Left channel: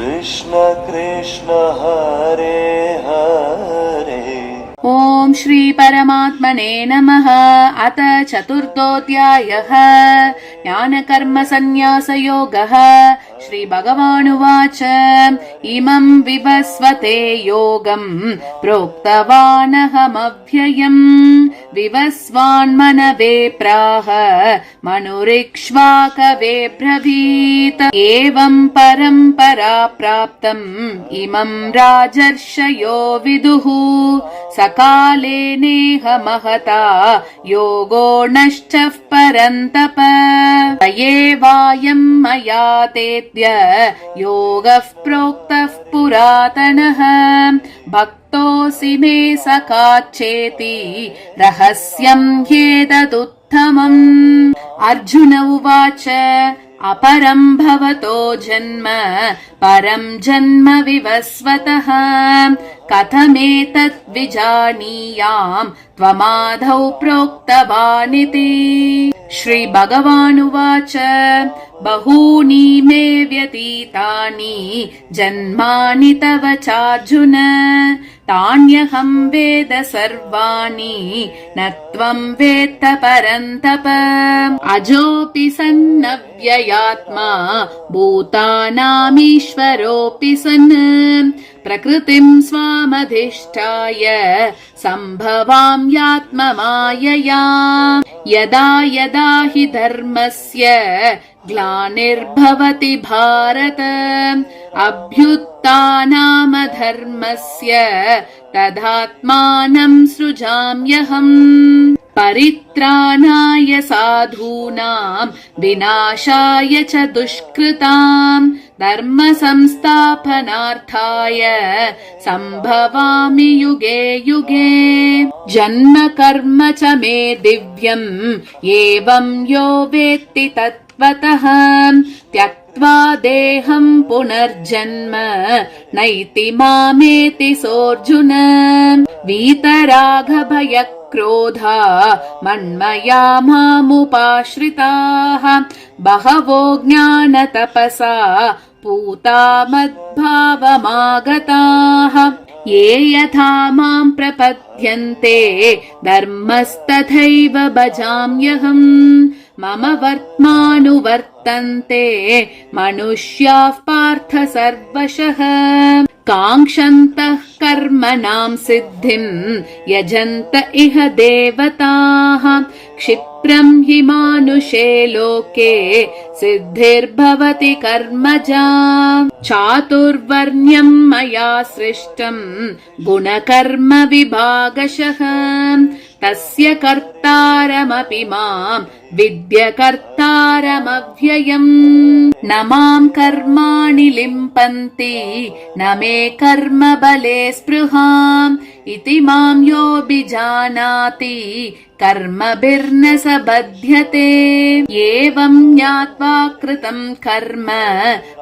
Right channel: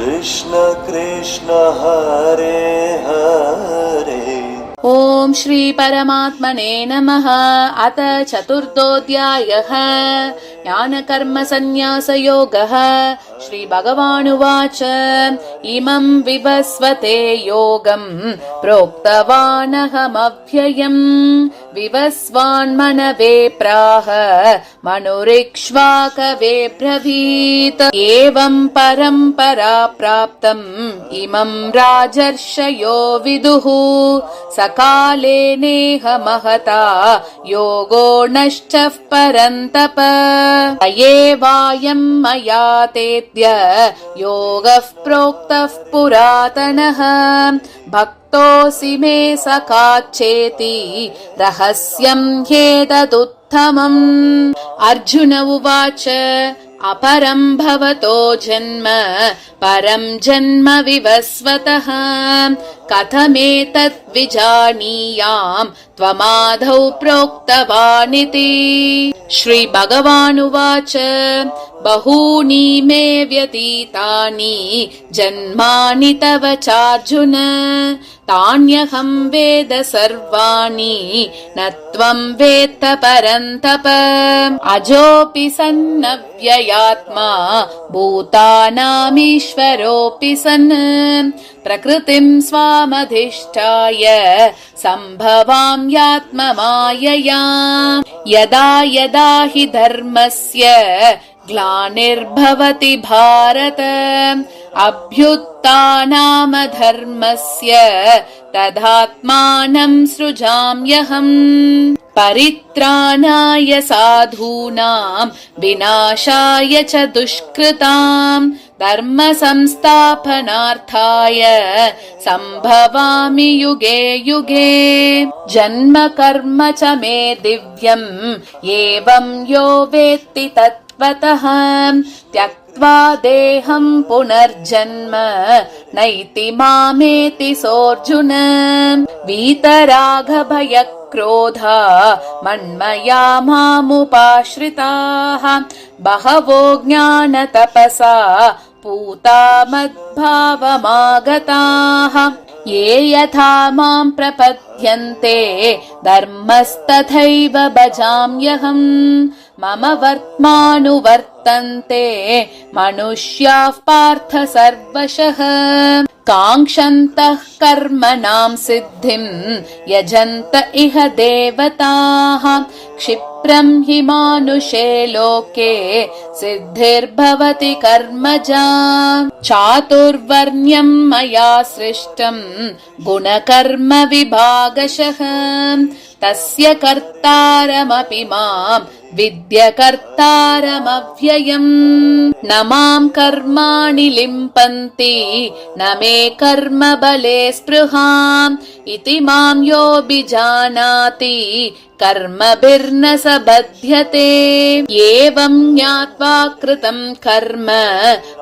कृष्ण कृष्ण हरे हरे। ओम श्री परमात्मने नमः। अथ चतुर्थोऽध्यायः। ज्ञानकर्म संन्यासयोगः। श्री भगवानुवाच इमं विवस्वते योगं प्रोक्तवानहमव्ययम् विवस्वान्मनवे प्राह मनुरिक्ष्वाकवे ब्रवीत्। एवं परम्परा प्राप्तम् इमं राजर्षयो विदुः सकाले नेह महता योगो नष्टः परन्तप। एवायं मया तेद्य योगः प्रोक्तः पुरातनः भक्तोऽसि मे सखाच्चेति रहस्यं ह्येतदुत्तमम्। अर्जुन उवाच अपरं भवतो जन्म परं जन्म विवस्वतः कथमेतत् विजानीयाम् त्वमादौ प्रोक्तवानिति। श्री भगवानुवाच बहूनि मे व्यतीतानि जन्मानि तव चार्जुन तान्यहं वेद सर्वाणि न त्वं वेत्त परन्तप। अजोऽपि सन्नव्ययात्मा भूतानामीश्वरोऽपि सन् प्रकृतिं स्वामधिष्ठाय सम्भवाम्यात्ममायया। यदा यदा हि धर्मस्य ग्लानिर्भवति भारत अभ्युत्थानमधर्मस्य तदात्मानं सृजाम्यहम्। परित्राणाय साधूनां विनाशाय च दुष्कृतां धर्म संस्थापनार्थाय सम्भवामि युगे युगे। जन्म कर्म च मे दिव्यम् एवं यो वेत्ति तत्त्वतः त्यक्त्वा देहं पुनर्जन्म नैति मामेति सोऽर्जुन। वीतरागभयक्रोधा मन्मया मामुपाश्रिताः बहवो ज्ञानतपसा पूता मद्भावमागताः। ये यथा मां प्रपद्यन्ते धर्मस्तथैव भजाम्यहम्। मम वर्त्मानुवर्तन्ते मनुष्याः पार्थ सर्वशः काङ्क्षन्तः कर्मणां सिद्धिं यजन्त इह देवताः। क्षिप्रं हि मानुषे लोके सिद्धिर्भवति कर्मजा। चातुर्वर्ण्यं मया सृष्टं गुणकर्म विभागशः तस्य कर्तारमपि मां विद्य कर्तारमव्ययम्। न मां कर्माणि लिम्पन्ति न मे कर्म बले स्पृहाम् इति मां योऽभिजानाति कर्मभिर्न स बध्यते। एवं ज्ञात्वा कृतं कर्म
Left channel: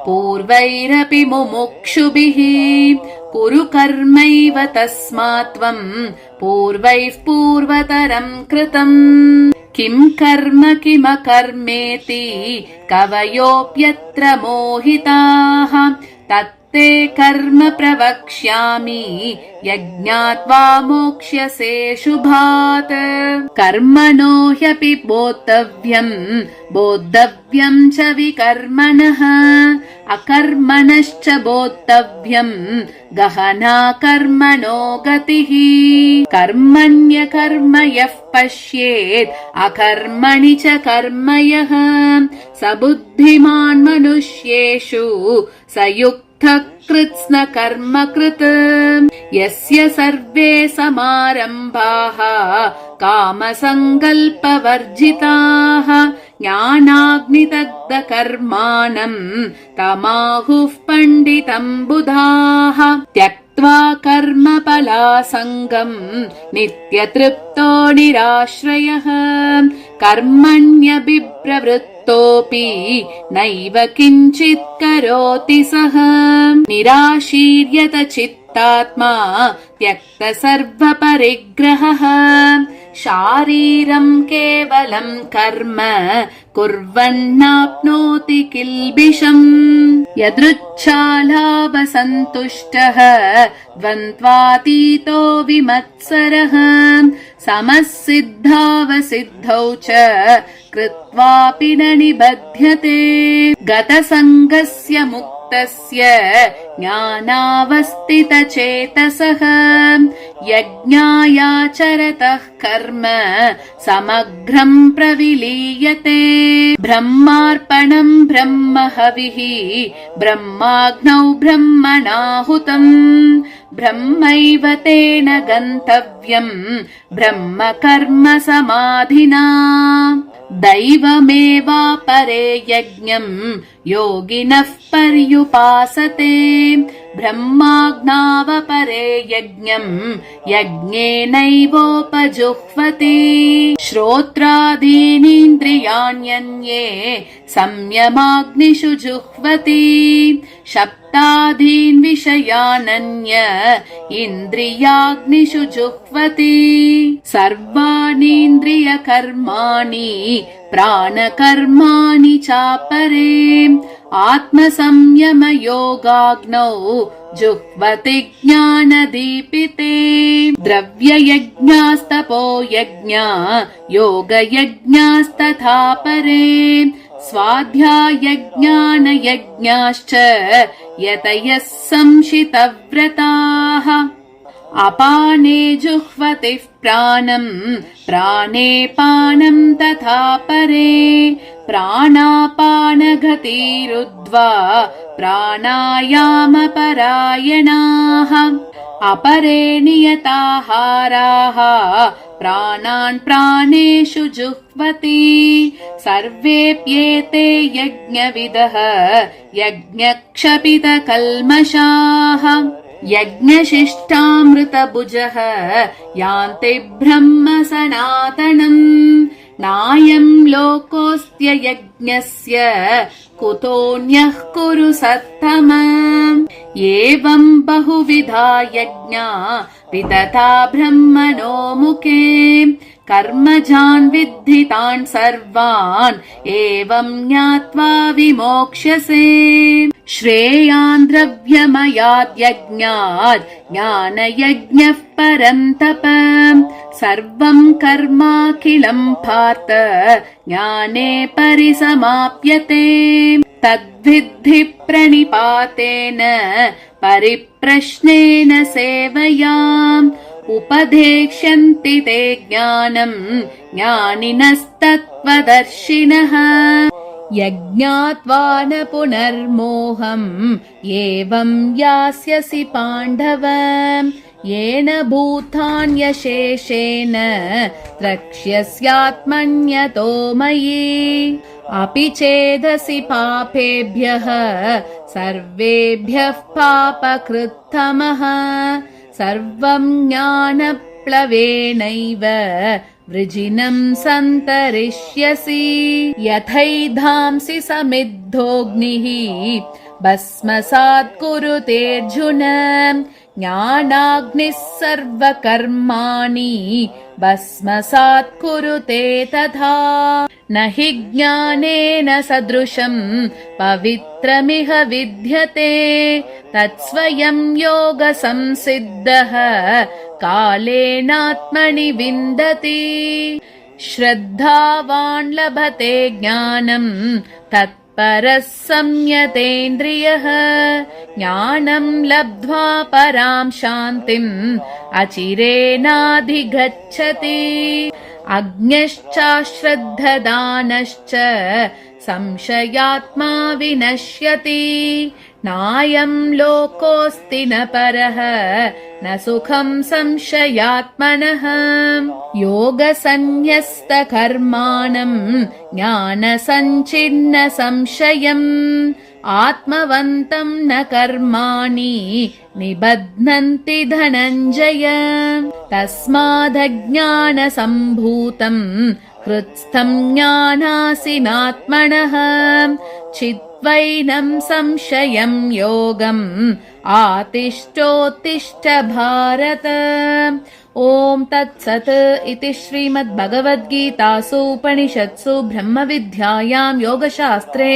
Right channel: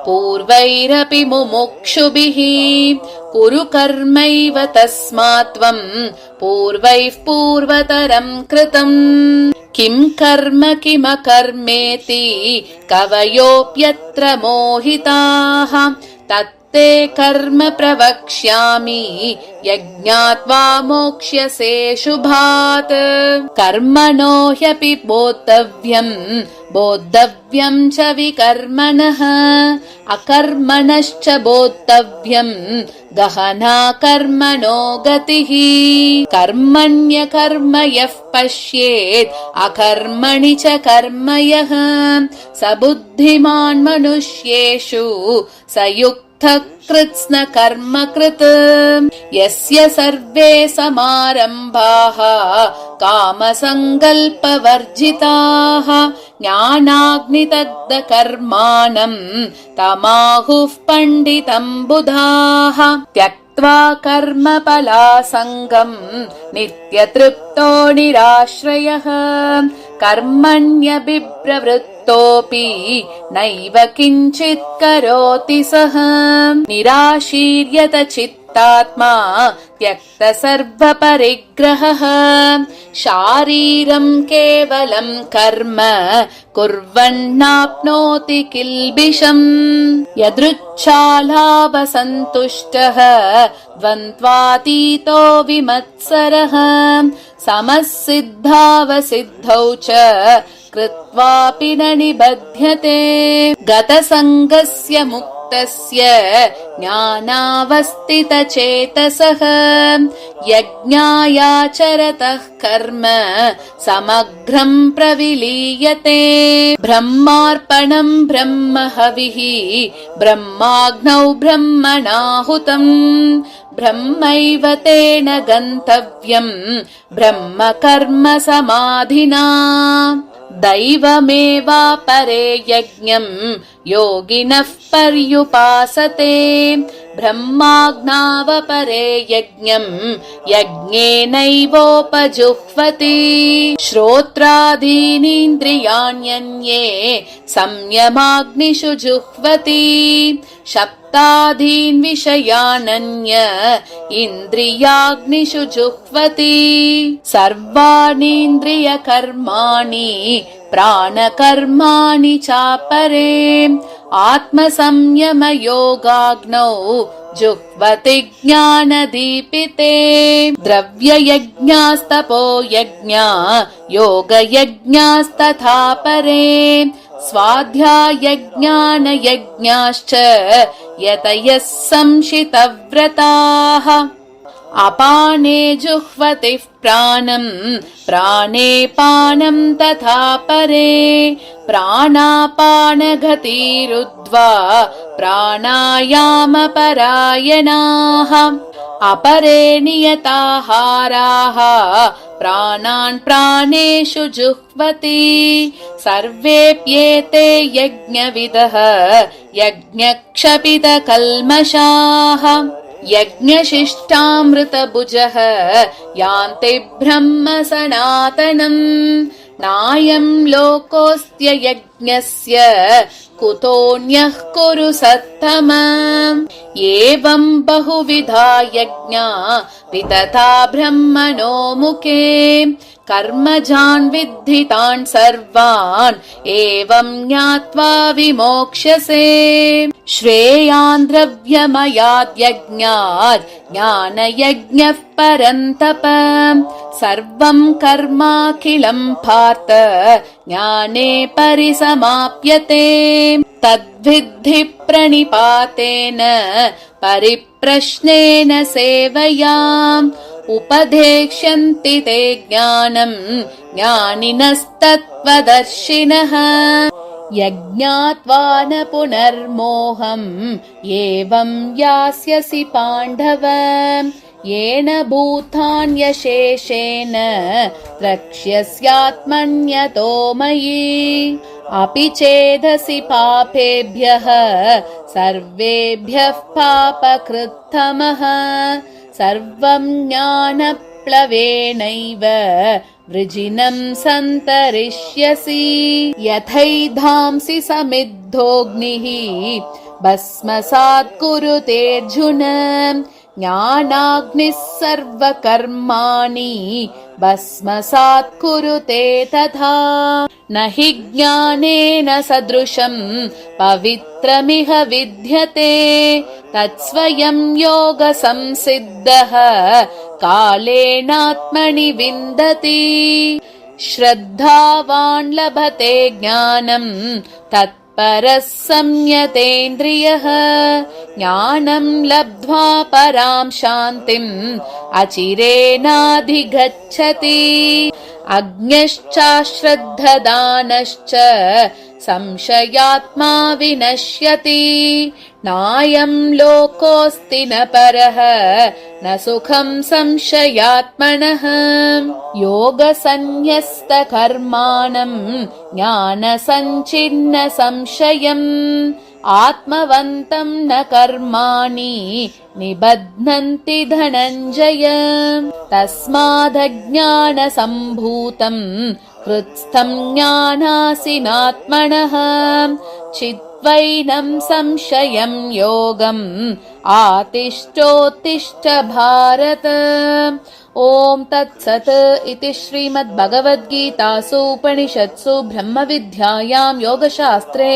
पूर्वैरपि मुमुक्षुभिः कुरु कर्मैव तस्मात् त्वं पूर्वैः पूर्वतरं कृतम्। किं कर्म किमकर्मेति कवयोऽप्यत्र मोहिताः तत्ते कर्म प्रवक्ष्यामि यज्ञात्वा मोक्ष्यसे शुभात्। कर्मणो ह्यपि बोद्धव्यं च विकर्मणः अकर्मणश्च बोद्धव्यं गहना कर्मणो गतिः। कर्मण्यकर्म यः पश्येत् अकर्मणि च कर्म यः स बुद्धिमान् मनुष्येषु स युक्तः कृत्स्न कर्म कृत्। यस्य सर्वे समारम्भाः कामसङ्कल्पवर्जिताः ज्ञानाग्निदग्धकर्माणं तमाहुः पण्डितं बुधाः। त्यक्त्वा कर्मफलासङ्गं नित्यतृप्तो निराश्रयः कर्मण्यभिप्रवृत्तोऽपि नैव किञ्चित् करोति सः निराशीर्यत चित्तो युक्तात्मा त्यक्तसर्वपरिग्रहः शारीरं केवलं कर्म कुर्वन्नाप्नोति किल्बिषम् यदृच्छालाभसन्तुष्टः द्वन्द्वातीतो विमत्सरः समः सिद्धावसिद्धौ च कृत्वापि न निबध्यते गतसङ्गस्य मुक्तस्य ज्ञानावस्थितचेतसः यज्ञायाचरतः कर्म समग्रं प्रविलीयते ब्रह्मार्पणं ब्रह्महविः ब्रह्माग्नौ ब्रह्मणाहुतम् ब्रह्मैव तेन गन्तव्यम् ब्रह्म कर्म समाधिना दैवमेवापरे यज्ञम् योगिनः पर्युपासते ब्रह्माज्ञावपरे यज्ञम् यज्ञेनैवोपजुह्वति श्रोत्रादीनीन्द्रियाण्यन्ये संयमाग्निषु जुह्वति शब्दादीन् विषयानन्य इन्द्रियाग्निषु जुह्वति सर्वाणीन्द्रियकर्माणि प्राणकर्माणि चापरे आत्मसंयमयोगाग्नौ जुह्वति ज्ञानदीपिते द्रव्ययज्ञास्तपो यज्ञा योगयज्ञास्तथा परे स्वाध्यायज्ञानयज्ञाश्च यतयः संशितव्रताः अपाने जुह्वतिः प्राणम् प्राणे पानं तथा परे प्राणापानगतिरुद्ध्वा प्राणायामपरायणाः अपरे नियताहाराः प्राणान् प्राणेषु जुह्वति सर्वेऽप्येते यज्ञविदः यज्ञक्षपितकल्मषाः यज्ञशिष्टामृतभुजः यान्ति ब्रह्म सनातनम् नायं लोकोऽस्त्य यज्ञस्य कुतोऽन्यः कुरु सत्तम एवं बहुविधा यज्ञा वितता ब्रह्मणो मुखे कर्मजान् विद्धितान् सर्वान् एवं ज्ञात्वा विमोक्ष्यसे श्रेयान् द्रव्यमयाद्यज्ञात् ज्ञानयज्ञः परन्तप सर्वं कर्माखिलं पार्थ ज्ञाने परिसमाप्यते तद्विद्धि प्रणिपातेन परिप्रश्नेन सेवया उपदेक्ष्यन्ति ते ज्ञानम् ज्ञानिनस्तत्त्वदर्शिनः यज्ञात्वा न पुनर्मोहम् एवं यास्यसि पाण्डव येन भूतान्यशेषेण द्रक्ष्यस्यात्मन्यतो मयि अपि चेदसि पापेभ्यः सर्वेभ्यः पापकृत्तमः सर्वं ज्ञानप्लवेनैव वृजिनं सन्तरिष्यसि यथैधांसि समिद्धोऽग्निः भस्मसात् कुरुतेऽर्जुन ज्ञानाग्निः सर्वकर्माणि भस्मसात् कुरुते तथा न हि ज्ञानेन सदृशं पवित्रमिह विद्यते तत्स्वयं योगसंसिद्धः कालेनात्मनि विन्दति श्रद्धावान् लभते ज्ञानम् तत्परः संयतेन्द्रियः ज्ञानं लब्ध्वा परां शान्तिम् अचिरेणाधिगच्छति अज्ञश्चाश्रद्धदानश्च संशयात्मा विनश्यति नायं लोकोऽस्ति न परः न सुखं संशयात्मनः योगसन्न्यस्तकर्माणं ज्ञानसञ्चिन्न संशयम् आत्मवन्तं न कर्माणि निबध्नन्ति धनञ्जय तस्मादज्ञानसम्भूतं हृत्स्थं ज्ञानासिनात्मनः चिद्वैनं संशयं योगम् आतिष्ठोत्तिष्ठ भारत। ॐ तत्सत् इति श्रीमद्भगवद्गीतासु उपनिषत्सु ब्रह्मविद्यायां योगशास्त्रे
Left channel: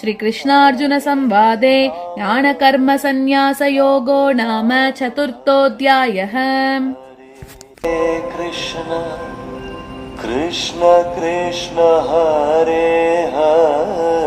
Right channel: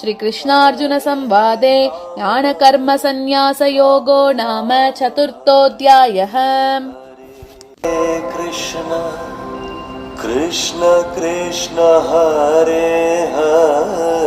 श्रीकृष्णार्जुनसंवादे ज्ञानकर्मसन्न्यासयोगो नाम चतुर्थोऽध्यायः। हरे कृष्ण कृष्ण कृष्ण हरे हरे